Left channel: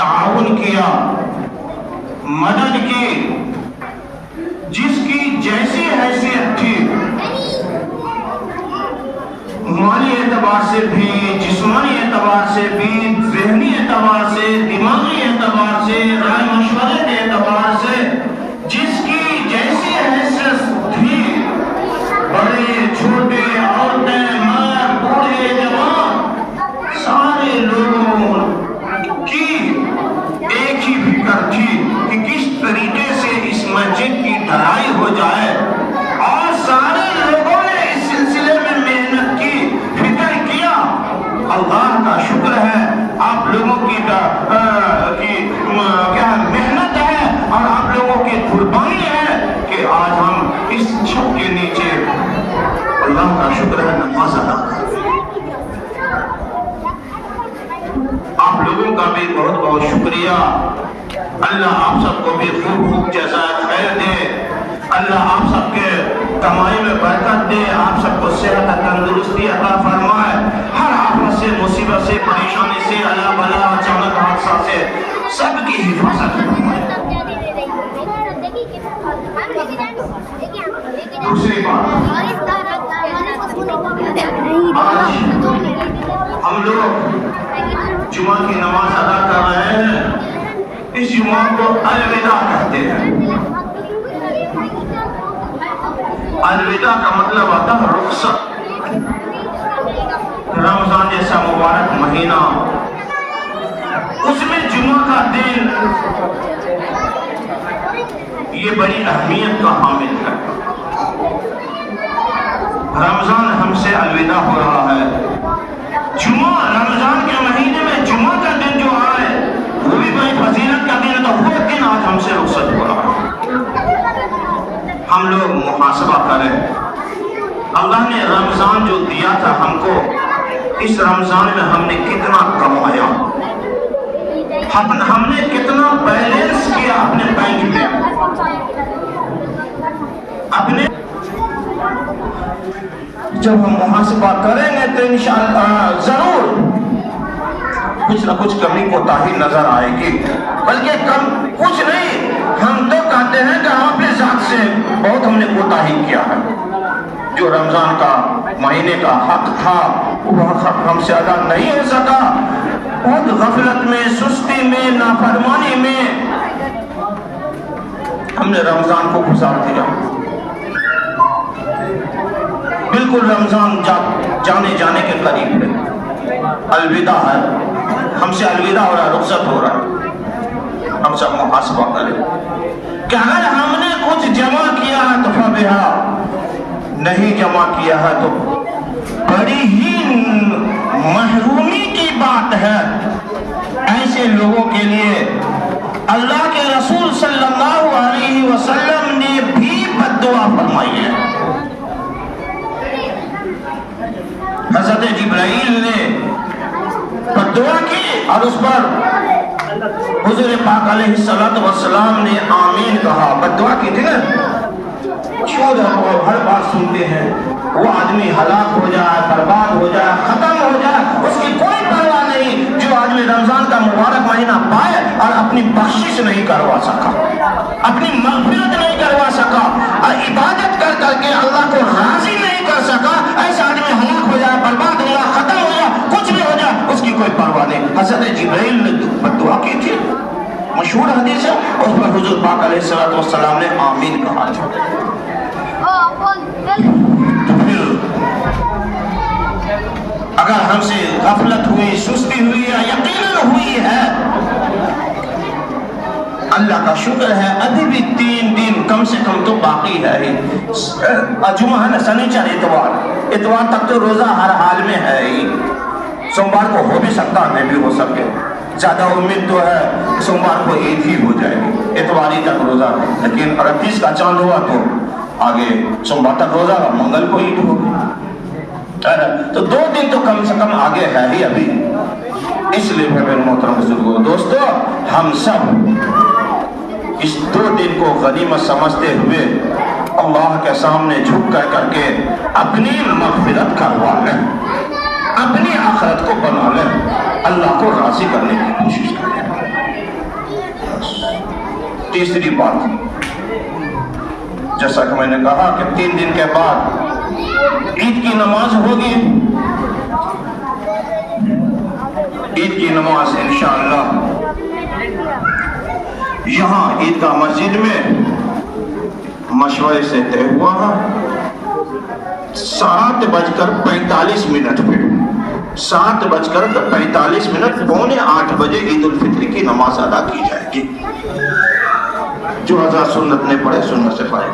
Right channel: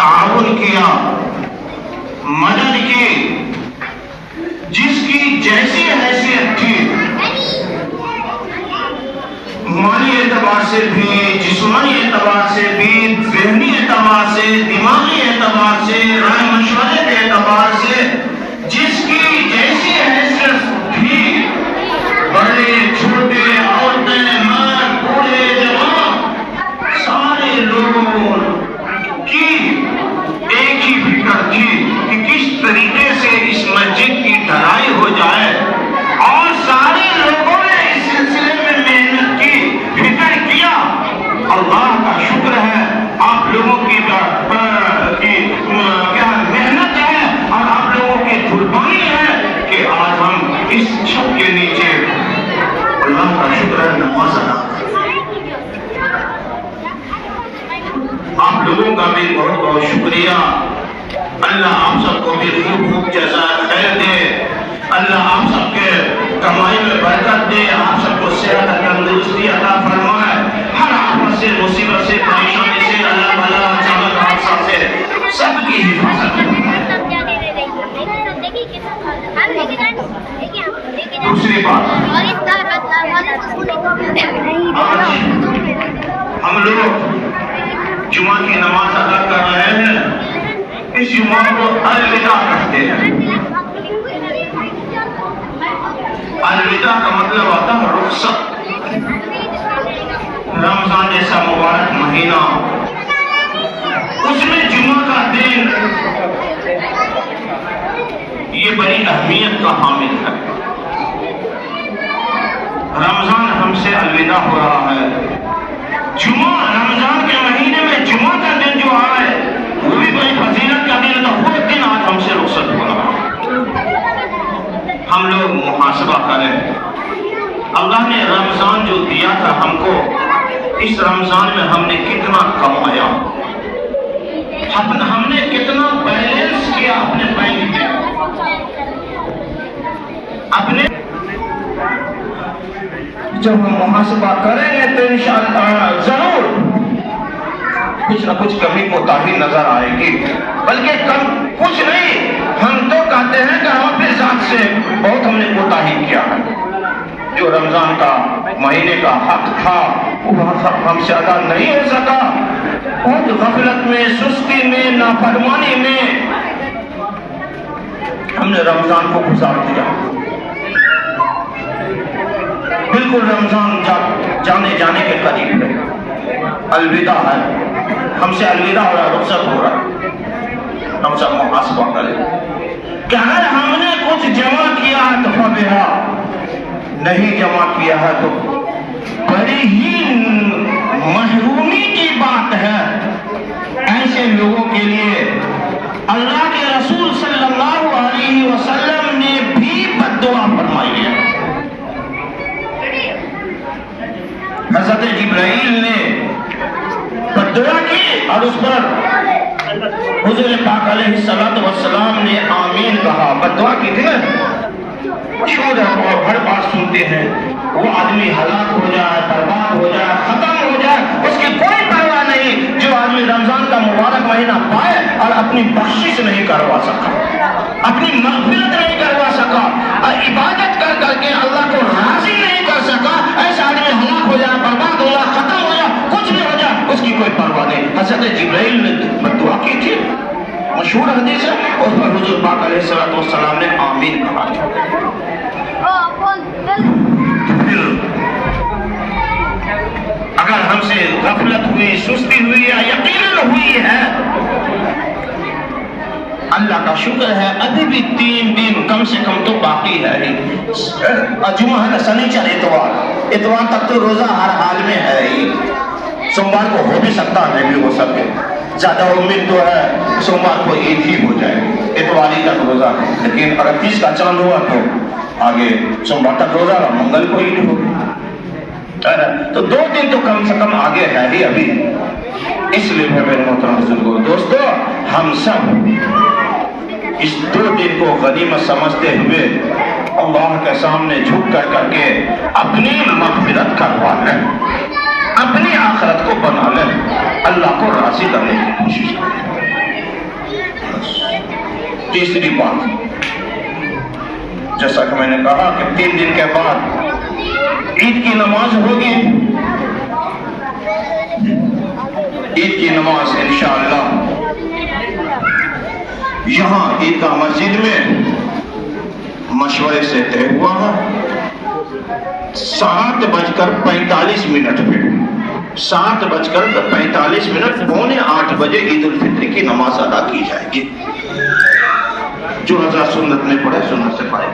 تعاون کیا، مدد کی، جس کی جیسی حیثیت تھی، مالی اعتبار سے بھی، جسمانی اعتبار سے بھی، ذہنی اعتبار سے، دماغی اعتبار سے، رائے مشورے کے اعتبار سے، جس کی جیسی حیثیت تھی، بڑے چھوٹے، عورتیں، مرد، بوڑھے، جوان، سارے لوگوں کی ایک ہی فکر تھی کہ کس طریقے سے اس مسجد کی ڈھلائی ہو جائے، اور سارے لوگوں نے اس سلسلے میں محنت کی، فکر کیا۔ اللہ کا شکر ہے، آپ لوگوں کی کیا محنت ہے اور آپ لوگوں کی قربانی ہے کہ آج ہم اس چھت کے نیچے اللہ کا شکر ہے نماز ادا کرتے ہیں۔ آپ لوگوں کا بھی بہت بہت شکریہ۔ اللہ آپ سب کو بھی خوب خوب جزائے خیر دے، اللہ آپ سب کے کمائی میں برکت دے، آپ سب کو صحت تندرستی عطا فرمائے، ہر آفت سے، مصیبت سے، پریشانی سے، اللہ بلا اچانک حادثہ سے سب کی حفاظت فرمائے۔ دوسری بات، آج ہم لوگ جمعہ کی نماز ادا کر رہے ہیں، اس جمعہ کو الوداع کہتے ہیں۔ الوداع کا مطلب ہوتا ہے رخصت۔ رمضان جیسا مبارک مہینہ، اس میں جمعہ کا دن یہ بڑی اہمیت کا حامل ہے۔ رمضان ہم سے الوداع ہو رہا ہے۔ جمعہ، رمضان کے مہینے میں جمعہ کا دن جو آئے وہ بھی بڑی فضیلت کا دن ہے، تو وہ دن آج ہم سے رخصت ہو رہا ہے۔ ہم لوگ محاسبہ کریں، اللہ نے رمضان جو دیا تھا ہم کو، اس رمضان میں ہم نے کتنا کمایا، ہم نے کتنا بیلنس کیا اپنے بینک میں، اپنے جب ہم محاسبہ کریں گے تو انشاءاللہ ضرور کچھ نہ کچھ کمی کوتاہی نظر آئے گی، بلکہ کم کچھ نہیں، ہم تو کہتے ہیں کہ ہم اپنے ذات سے بہت ہم نے کوتاہی کیا ہے۔ جو رمضان کا مہینے کا حق تھا وہ حق ہم سے ادا نہیں ہو سکا، بہت غفلت میں، سستی میں، نافرمانی میں ہم نے رمضان کو گزار دیا۔ بالکل رمضان جانے کے قریب ہے، الوداع ہے، ہم سے الوداع ہو رہا، رخصت ہو رہا۔ ہم سب محاسبہ کریں کہ اگر ہم نے کچھ جمع کیا ہے تو فبہا، نہیں جمع کیا ہے تو بڑی ہی محرومی کی بات ہے۔ ایسے لوگوں کے لیے اللہ کے رسول صلی اللہ علیہ وسلم نے بھی بد دعا فرمائی ہے۔ حضرت جبرائیل نے بد دعا کی اور اس پر حضور پاک علیہ السلام نے آمین کہا۔ بد دعا کی تھی نا، مشہور ہے اور ہر بار سنتے ہیں، وہ آدمی ہلاک ہو جائے، برباد ہو جائے، ختم ہو جائے، اس کی کوئی پرواہ نہیں جو آدمی رمضان کا مبارک مہینہ پائے اور اپنی بخشش نہیں کروا سکا، اپنی مغفرت نہیں کروا سکا، اور عبادت کر کر کے اللہ کو راضی نہیں کر سکا، ایسا آدمی ہلاک ہو جائے، برباد ہو جائے، ختم ہو جائے، کچھ بھی ہو جائے، اس کی کوئی پرواہ نہیں۔ حضرت جبرائیل نے بد دعا کی تھی، مشہور حدیث ہے، اس پر حضور پاک علیہ السلام نے آمین کہا تھا۔ اگر ہم سے غفلت ہوئی، سستی ہوئی ہے، یقیناً ہوئی ہے، اللہ کا شکر ہے ابھی بھی 3 دن کم سے کم تو باقی ہے ہی۔ جمعہ ہے نا، سنیچر، اتوار تک تو روزہ ہر حال میں ہے ہی، سوموار کو ہو بھی سکتا ہے، نہیں بھی ہو سکے، زیادہ امید تو ہے سوموار کو ایک ہی ہو جائے گی، اتواری تک روزہ، لیکن 38 کا چاند ہوا تو آگے سوموار تک روزہ رہا، منگل کو عید ہوگی، تو 2 دن تو کم سے کم آگے ہے ہی ابھی۔ اس لیے میرے محترم بزرگوں، دوستو، ہم سب اس 2 دن کو غنیمت سمجھتے ہوئے اللہ کے سامنے جھک کر کے اپنی مغفرت کروا لیں، اپنی آخرت کو بنا لیں، اللہ کو راضی کرنے کی کوشش کریں۔ تیسری بات، جیسا کہ میں نے کہا کہ 3 دن کے بعد عید کی نماز ہوگی، عید کی نماز انشاءاللہ یہاں عیدگاہ مسجد میں مشورے سے طے ہوا ہے 7:45 پہ 7:45 پونے 8 بجے عید الفطر کی نماز ادا کی جائے گی۔ جو حضرات سنت نہیں پڑھے سنت سے پڑھے۔